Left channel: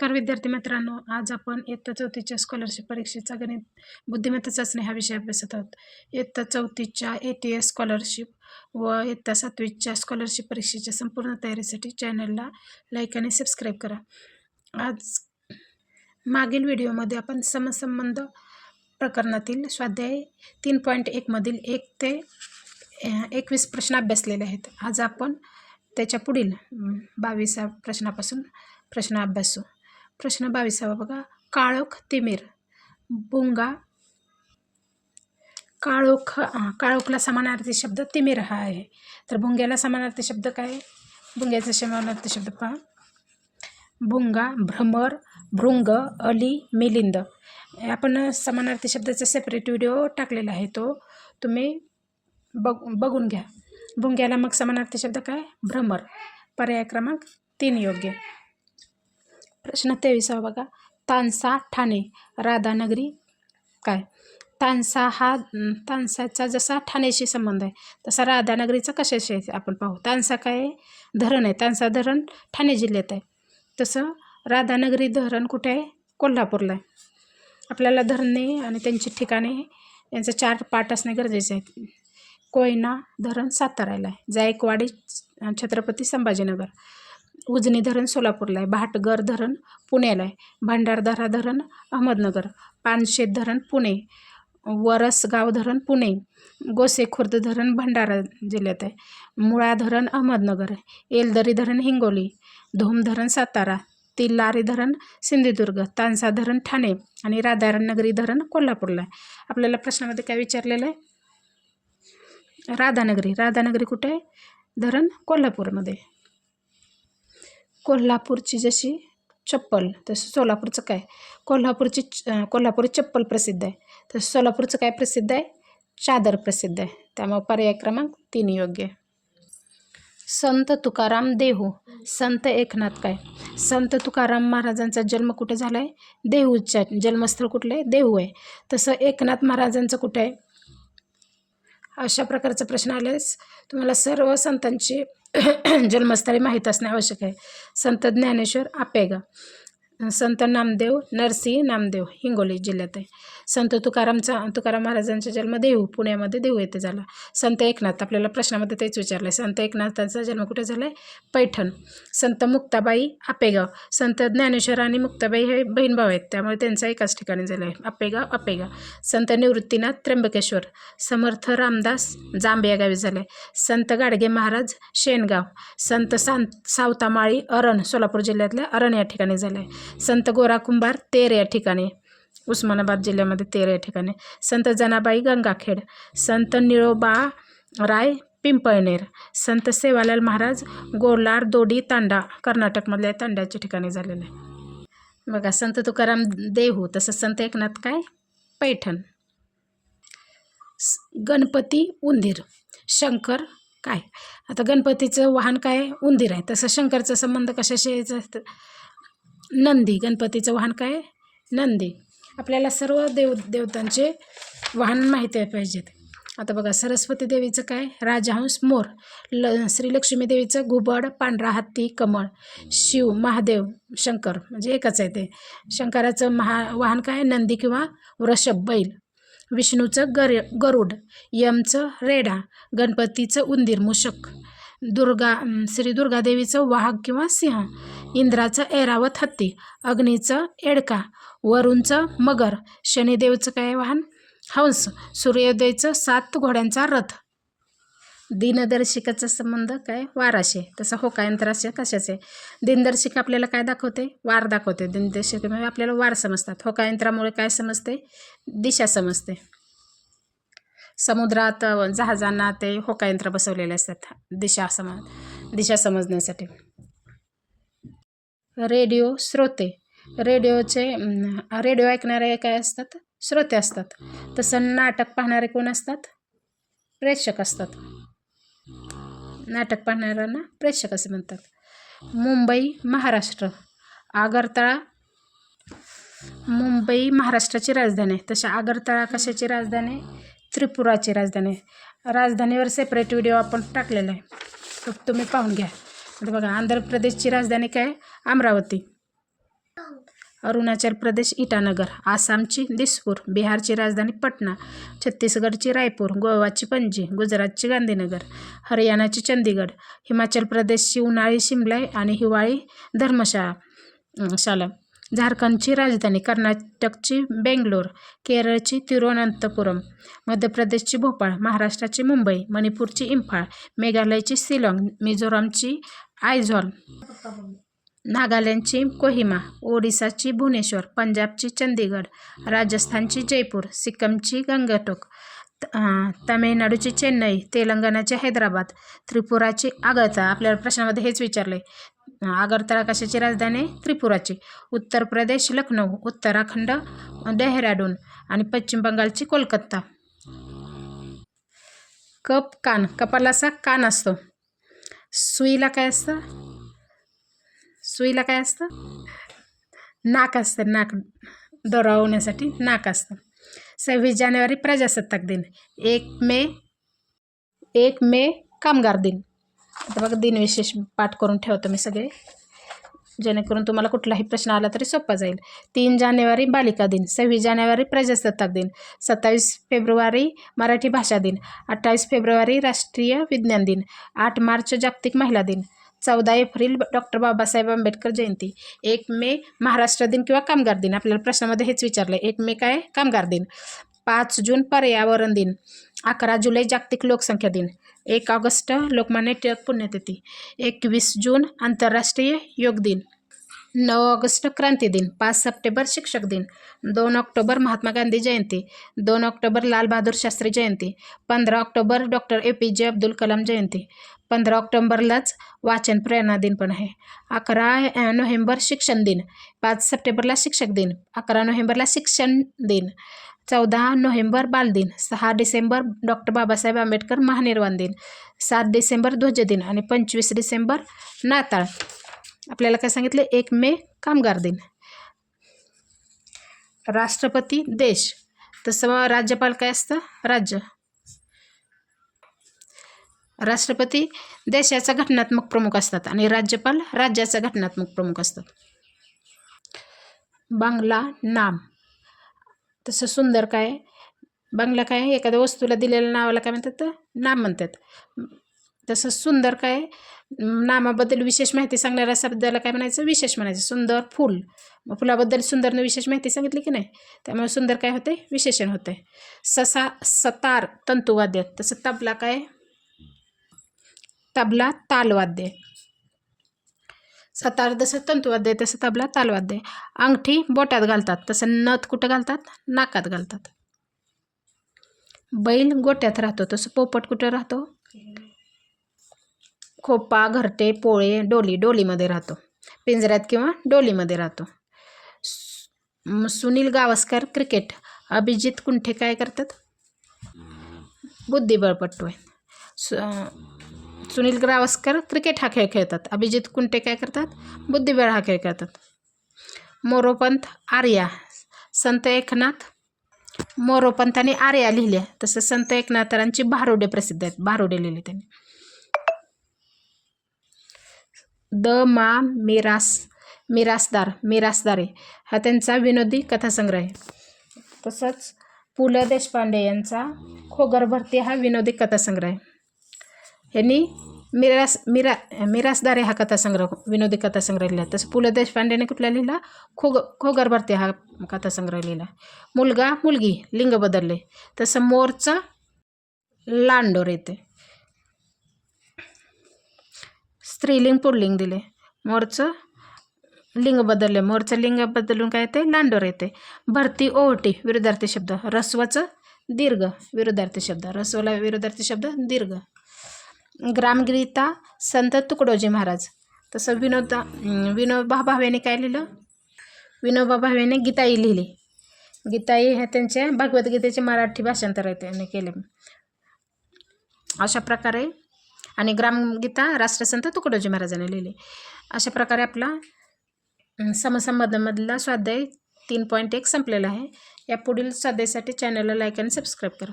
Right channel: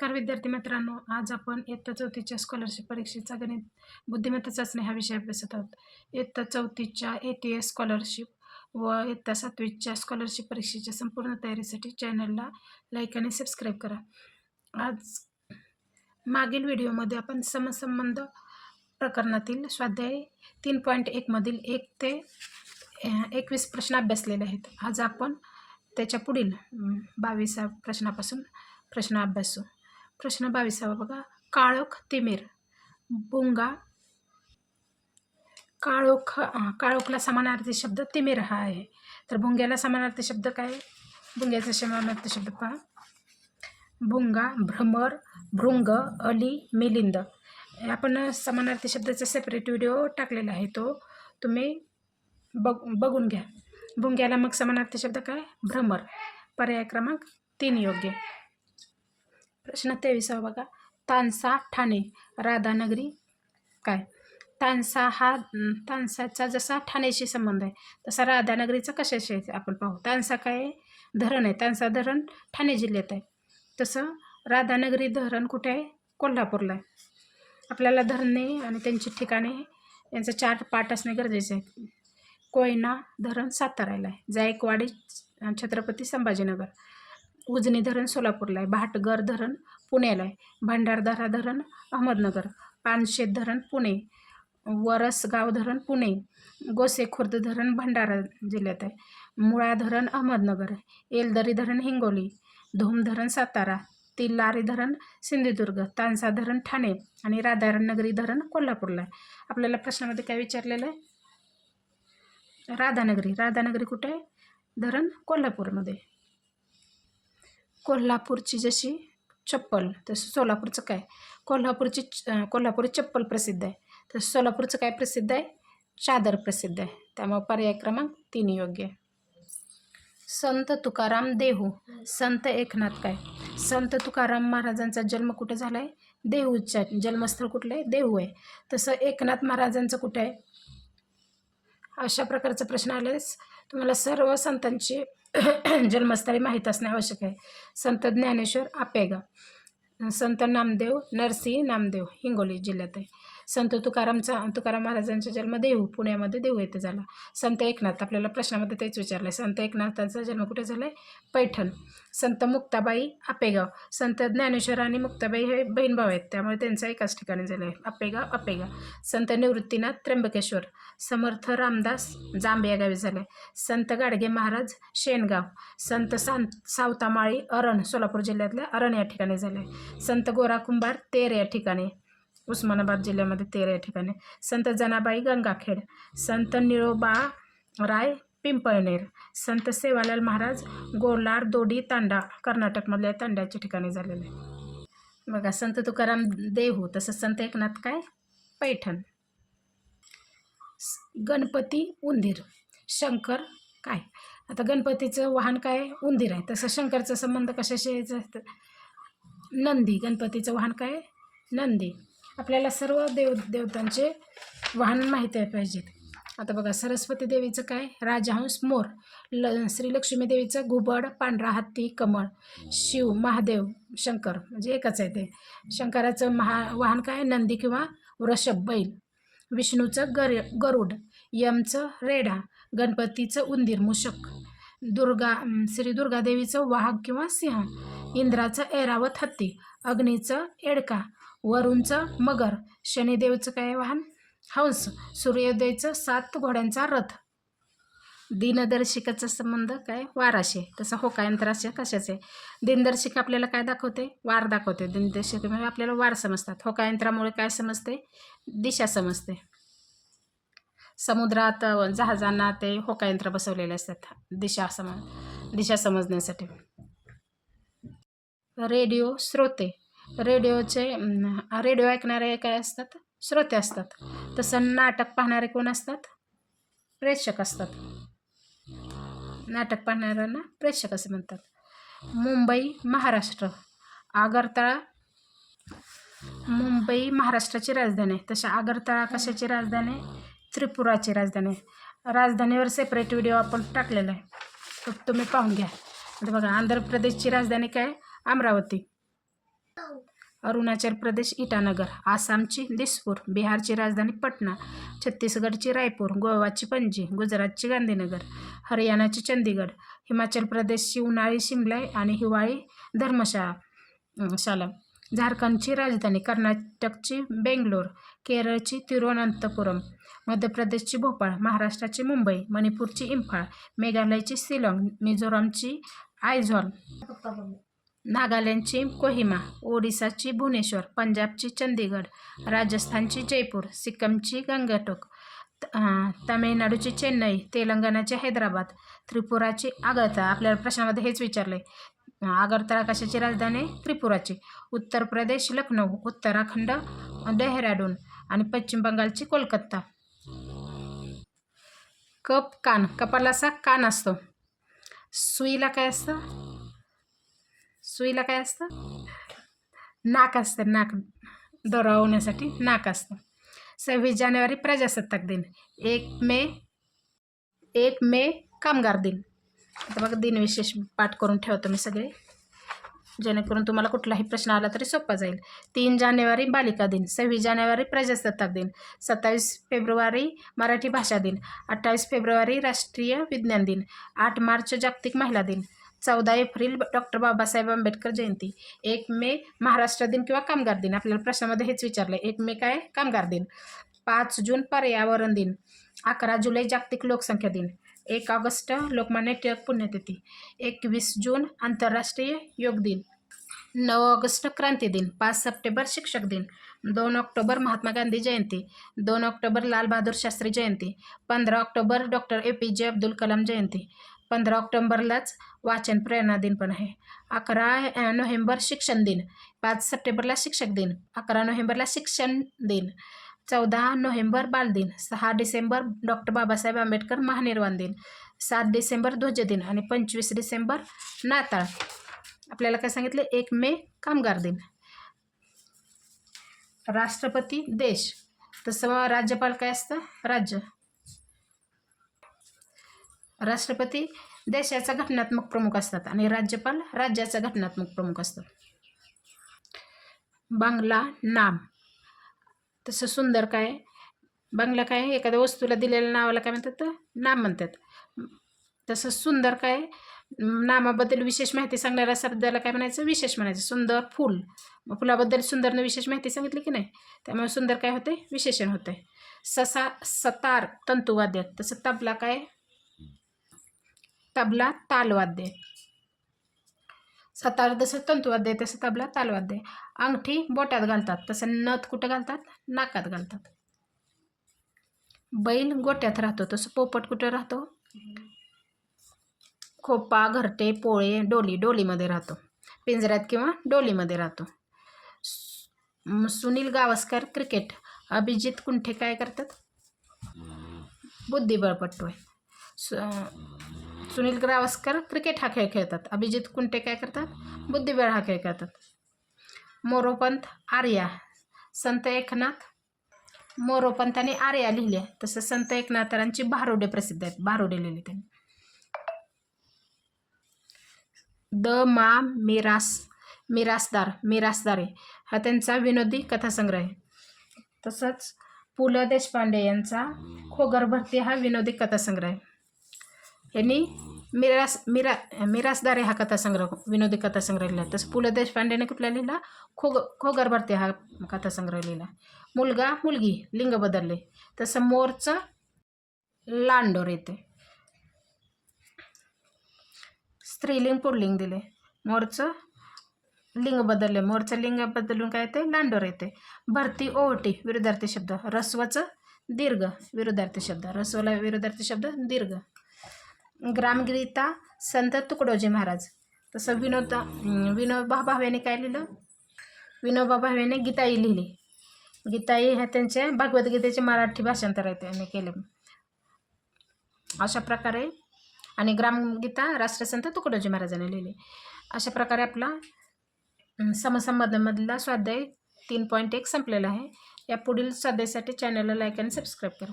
नमस्कार विद्यार्थी मित्रांनो, आज आपण इयत्ता 4थीच्या स्कॉलरशिप परीक्षेचा गणित बुद्धिमत्ता चाचणी हा विषय अभ्यासत आहोत. इयत्ता 4थीच्या ATS स्कॉलरशिप व इयत्ता 7वीच्या स्कॉलरशिप परीक्षेच्या संपूर्ण तयारीसाठी चॅनलला लाईक आणि सबस्क्राईब करा. आज मागील व्हिडिओमध्ये आपण समसंबंध प्रकरणातील स्वाध्याय 3.1 मधील 1 ते 21 प्रश्न अभ्यासलेले आहेत. आज आपण त्याच्या पुढील 22व्या प्रश्नापासून प्रश्न अभ्यासू. प्रश्न 22वा बघा. काळोख तिमिर भुंगा. काळोखला समानार्थी शब्द तिमिर हा आहे. तर भुंग्याला समानार्थी शब्द काय? भुंग्याचा समानार्थी शब्द पहा. भुंगा, भ्रमर, भृंग, अली, मिलिंद. आपण समानार्थी शब्दाचा सेपरेट व्हिडिओ टाकलेला आहे, तो तुम्ही बघून घ्या. भुंग्याला मग समानार्थी शब्द काय? भ्रमर. पर्याय क्रमांक 3 योग्य. प्रश्न 23वा बघा. तानसा ठाणे राधानगरी काय? तानसाचा जसा ठाणेशी संबंध आहे तसा राधानगरीचा कशाशी आहे आपण पाहू. तानसा काय आहे? धरण आहे. तानसा धरण ठाणे जिल्ह्यात आहे. तसं राधानगरी धरण कुठे आहे? कोल्हापूरला आहे. आपल्याला धरणे आणि त्यांची ठिकाणे यांचे 4 पाठ असणे गरजेचे आहेत. कोयना धरण साताऱ्याला आहे. जायकवाडी छत्रपती संभाजीनगर. उजनी धरण सोलापूरला आहे. भाटगर धरण पुण्याला आहे. भंडारदरा धरण अहमदनगर. पानशेत धरण पुणे. वरसगाव धरण पुणे. गोसेखुर्द धरण भंडारा जिल्ह्यात आहे. मुळा धरण अहमदनगर. येलदरी धरण हिंगोली. धोम धरण सातारा. तिल्लारी धरण सिंधुदुर्ग. तानसा धरण ठाणे आणि राधानगरी धरण कोल्हापूरला आहे. आपल्याला प्रश्नामध्ये काय विचारलेलं आहे? राधानगरी कुठे आहे? धरण कोल्हापूरमध्ये. कोल्हापूरची जशी चप्पल तसं सोलापूरचं काय? कोल्हापुरी चप्पल प्रसिद्ध आहे. तर सोलापूरचं काय प्रसिद्ध आहे? चादर प्रसिद्ध आहे. त्यामुळे पर्याय क्रमांक 3 योग्य आहे. संत तुकाराम देहू. संत एकनाथ काय? संत तुकाराम महाराजांचा जन्म कुठे झाला आहे? देहूच्या. जन्मस्थळ कुठलं आहे? देहू आहे. तसं एकनाथ महाराजांचं कुठे आहे? अशा प्रकारचा प्रश्न आल्यास तुम्हाला सर्व संतांची जन्मस्थळे माहीत असणे आवश्यक आहे. संत ज्ञानेश्वर आपेगाव. संत नामदेव नरसी नामदेव हिंगोली जिल्ह्यात आहे. संत तुकाराम महाराजांचा जन्म देहू पुण्यामध्ये देहू येथे झाला. संत एकनाथ आपल्याला प्रश्नामध्ये तेच विचारलं आहे. संत एकनाथांचा जन्म कुठे झाला आहे? पैठण. संत मुक्ताबाई आपेगाव. संत ज्ञानेश्वर आणि मुक्ताबाई हे बहीण भाऊ आहेत, त्यामुळे त्यांचा एकाच ठिकाणी झाला आहे. आपेगाव. संत निवृत्तीनाथ त्र्यंबकेश्वर. समर्थ रामदास जांभे या गावी झाले. संत गाडगे महाराज शेणगाव. संत सावतामाळी अरण सोलापूर जिल्ह्यातल्या अरण या ठिकाणी झाले. संत गोरा कुंभार तेर या ठिकाणी उस्मानाबाद जिल्ह्यामध्ये तेर या ठिकाणी. संत जनाबाई गंगाखेड. संत निळोबा राय पिंपळनेर. संत सेवालाल महाराज गोलार दोडी तांडा कर्नाटकमधल्या तांड्याच्या ठिकाणी झालेले आहे. बघा, संत तुकाराम देहू. तसं संत एकनाथ काय? पैठण. गणपती उंदीर. शंकर काय? आता गणपतीचं वाहन काय? उंदीर आहे. तसं शंकरचा संबंध कशाशी यायचा? नंदी. गणपतीचं वाहन काय? नंदी. आपल्याला सर्व देवतांचे वाहन माहिती पाहिजेत. आता बघा, सरस्वती देवीचं काय? राजहंस मोर. श्री लक्ष्मी देवीचं घुबड पांढरा हत्ती कमळ. शिव महादेव शंकर म्हणजे एकच आहे ते. शंकराचं वाहन काय? नंदी किंवा वृषभ बैल. विष्णूचं गरुड. यमचं रेडा. गणपतीचं उंदीर मूषक. श्री दुर्गादेवीचं वाघ किंवा सिंह. इंद्राचं ऐरावत हत्ती. अग्नीचं एडका. वरुणचं मगर. शनिदेवचं काय वाहन? हंस. सूर्योदयचं 7 घोड्यांचा रथ. दिनदर्शिकाचा संबंध काय? वाराशी. तसं होकायंत्राचे कशाचे? दिनदर्शिका आपल्याला काय दाखवते? वार दाखवते. दिनदर्शिकेमुळे आपल्याला वार समजतात. होकायंत्रामुळे काय समजते? दिशा समजते. समुद्रात जहाजांना ते होकायंत्र बसवलेले असतात दिशा समजण्यासाठी. रेडिओ श्रोते. रेडिओ ऐकणारे काय असतात? श्रोते असतात. तसं नाटक पाहणारे कोण असतात? प्रेक्षक असतात. नाटक पाहणाऱ्यांना प्रेक्षक असे म्हणतात. मुंबई महाराष्ट्र. मुंबई महाराष्ट्राची राजधानी आहे. तशा आगरतळा कशाची राजधानी? त्रिपुराची राजधानी आहे. राजधानीवर सेपरेट व्हिडिओ आपण टाकलेला आहे, तर तुम्ही पाहून घ्या. आता बघा, आंध्र प्रदेशची राजधानी काय? अमरावती. अरुणाचल प्रदेश इटानगर, आसामची दिसपूर, बिहारची राजधानी पटना, छत्तीसगडची रायपूर, गोवाची पणजी, गुजरातची गांधीनगर, हरियाणाची चंदीगड, हिमाचल प्रदेशची उन्हाळी शिमला आणि हिवाळी धर्मशाला, झारखंडची राजधानी, कर्नाटकची बेंगलोर, केरळची तिरुवनंतपुरम, मध्य प्रदेशची भोपाळ, महाराष्ट्राची मुंबई, मणिपूरची इम्फाळ, मेघालयची शिलाँग, मिझोरामची आयझॉल, नागालँडची कोहिमा, ओडिसाची भुवनेश्वर, पंजाबची चंदीगड, राजस्थानची जयपूर, सिक्कीमची गंगटोक, तामिळनाडूची चेन्नई, तेलंगणाची हैदराबाद, त्रिपुराची आगरतळा. आपल्याला प्रश्नामध्ये हेच विचारले. आगरतळा कशाची राजधानी? त्रिपुराची. उत्तर प्रदेश लखनौ, उत्तराखंड डेहराडून आणि पश्चिम बंगालची कोलकाता. कप कान, कपाला असा कान असतो. सुईला काय असतं? सुईला काय असतं? नाक असतं. नाक दोरावण्यासाठी नाक असतं. 26 जानेवारी प्रजासत्ताक दिन. 1 मे कामगार दिन. आता बघा दिनविशेष पाठ करून ठेवतो मी सगळे, जेणेकरून तुम्हाला कुठलाही प्रश्न आला तरी सोपा जाईल. 3 जानेवारी बालिका दिन, 26 जानेवारी प्रजासत्ताक दिन, 27 फेब्रुवारी मराठी भाषा दिन, 28 फेब्रुवारी राष्ट्रीय विज्ञान दिन, 8 मार्च जागतिक महिला दिन, 14 एप्रिल डॉक्टर बाबासाहेब आंबेडकर जयंती, 1 मे महाराष्ट्र दिन किंवा कामगार दिन. आपल्याला प्रश्नामध्ये हेच विचारलं. 1 मे काय? कामगार दिन. 5 जून पर्यावरण दिन, 11 जुलै जागतिक लोकसंख्या दिन, 1 ऑगस्ट लोकमान्य टिळक पुण्यतिथी, 21 जून आंतरराष्ट्रीय योग दिन, 9 ऑगस्ट क्रांती दिन, 5 सप्टेंबर शिक्षक दिन, 2 ऑक्टोबर महात्मा गांधी जयंती, 2 ऑक्टोबर लाल बहादूर शास्त्री जयंती, 15 ऑक्टोबर डॉक्टर APJ अब्दुल कलाम जयंती, 15 ऑक्टोबरलाच वाचन प्रेरणा दिन पण आहे, 11 नोव्हेंबर शिक्षण दिन, 5 सप्टेंबरला शिक्षक दिन, 11 नोव्हेंबरला शिक्षण दिन, 14 नोव्हेंबर बालदिन, 6 डिसेंबर डॉक्टर बाबासाहेब आंबेडकर महानिर्वाण दिन, 7 डिसेंबर ध्वजदिन आणि 25 डिसेंबर नाताळ. आपल्याला काय सांगितलं? 1 मे कामगार दिन. राष्ट्रपती देश, तसं राज्यपाल काय असतं? राज्य. राष्ट्रपती देशाचा घटनात्मक प्रमुख असतात आणि राज्यपाल राज्याचा घटनात्मक प्रमुख असतात. बांगला नाम, तसं सुंदर काय? बांगला काय? एखाद्या वस्तूला दिलेल्या नावाला काय म्हणतात? नाम म्हणतात. तसं सुंदर काय? नामाबद्दल विशेष माहिती सांगणाऱ्या शब्दाला काय म्हणायचं? विशेष म्हणायचं. सुंदर फूल, मग फुलाबद्दल सुंदरने विशेष माहिती सांगितली की नाही, त्यामुळे सुंदर काय होते? विशेषण होते. सतार तंतुवाद्य, तसं तबला काय? तबला तालवाद्य. सतार जसं तंतुवाद्य तसं तबला तालवाद्य. अंगठी बोटात घालतात, तसं नथ कुठं घालतात? नाकात घालतात. बैल गोट्यात राहतो, तसं पोपट कुठं राहतो? खोपा, घरटे, पोळे, डोलीमध्ये राहतो. पिंजऱ्यात किंवा डोलीमध्ये राहतो. सुनील गावस्कर क्रिकेट, अभिजित कुंठे काय करतात? बुद्धिबळपटू आहे. सुनील गावस्कर क्रिकेट हा खेळ खेळतात. अभिजित कुंटे काय करतात? बुद्धिबळ हा खेळ खेळतात. मोरोपंत आर्या, संत एकनाथ मोरोपंतांनी आर्या लिहिल्या, तसं संत एकनाथांची भारुडे प्रसिद्ध आहेत. भारुडे लिहिले त्यांनी. मिरासदारे हा त्यांचा विनोदी कथासंग्रह आहे. तसंच पु ल देशपांडे यांचा खोगर भरती हा विनोदी कथासंग्रह आहे. यांनी मिरासदारे हा कथासंग्रह विनोदी कथासंग्रह लिहिला. तसं पु ल देशपांडेने कुठला लिहिला? खोगर भरती हा कथासंग्रह लिहिला. मुलगा मुलगी लिंग बदलले, तसं मोरचं लांडोर येते. स्त्रीलिंग पुल्लिंग दिले, मोरचं लिंग बदलले, मोरचं लिंग बदलून काय येते? लांडोर येते. भरती ओहोटी विरुद्धार्थी शब्द, रस्वाचं दीर्घ विरुद्धार्थी शब्द, रस्वाला विरुद्धार्थी शब्द दीर्घ. ग्रामगीता संत तुकडोजी महाराज, तसं विनोबा भावेने काय लिहिलं? विनोबा भावेने गीताई लिहिली. गीताई ह्या त्यांच्या भगवद्गीतेचे मराठी भाषांतर आहे त्यांनी केले. अशा प्रकारे आणि ग्रामगीता राष्ट्रसंत तुकडोजी महाराजांनी लिहिली. अशा प्रकारे आपला समसंबंधमधला स्वाध्याय 3.1 संपलेला आहे. या पुढील स्वाध्यायासाठी चॅनलला लाईक आणि सबस्क्राईब करा.